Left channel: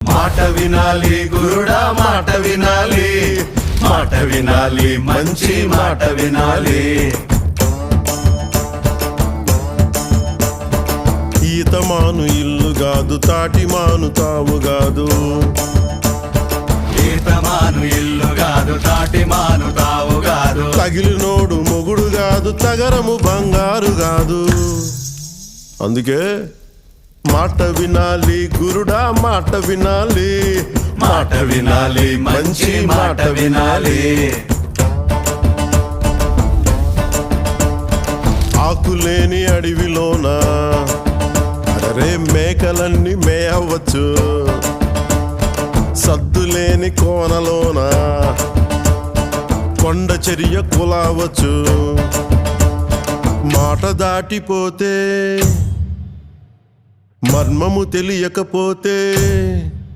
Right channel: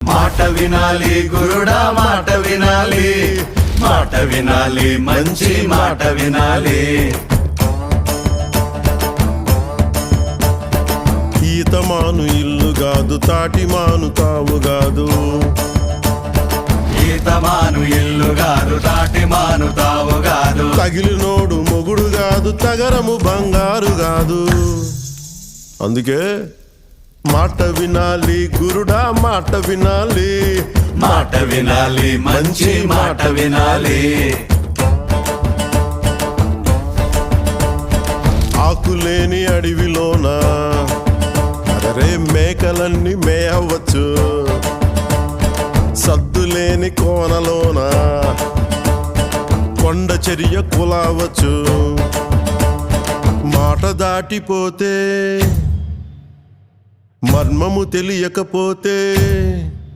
మాట వినాలి గురుడా, మాట వినాలి, మాట వినాలి, మంచి మాట వినాలి. ఈతమాను ఇల్లు గాదు, తాటి మాను తావు గాదు. ఈతమాను ఇల్లు గాదు, తాటి మాను తావు గాదు. తగిలినోడు మొగుడు గాదు, తగరము బంగారు గాదు. అందుకే మాట వినాలి గురుడా, మాట వినాలి, మాట వినాలి, మంచి మాట వినాలి. ఆకులేని అడవిలోన అరే మేకలన్నీ మేయవచ్చు. సద్దులేని కోనలోన కొండ చర్య కులావచ్చు. మాట దాటిపోతే మర్మము తెలియకపోతే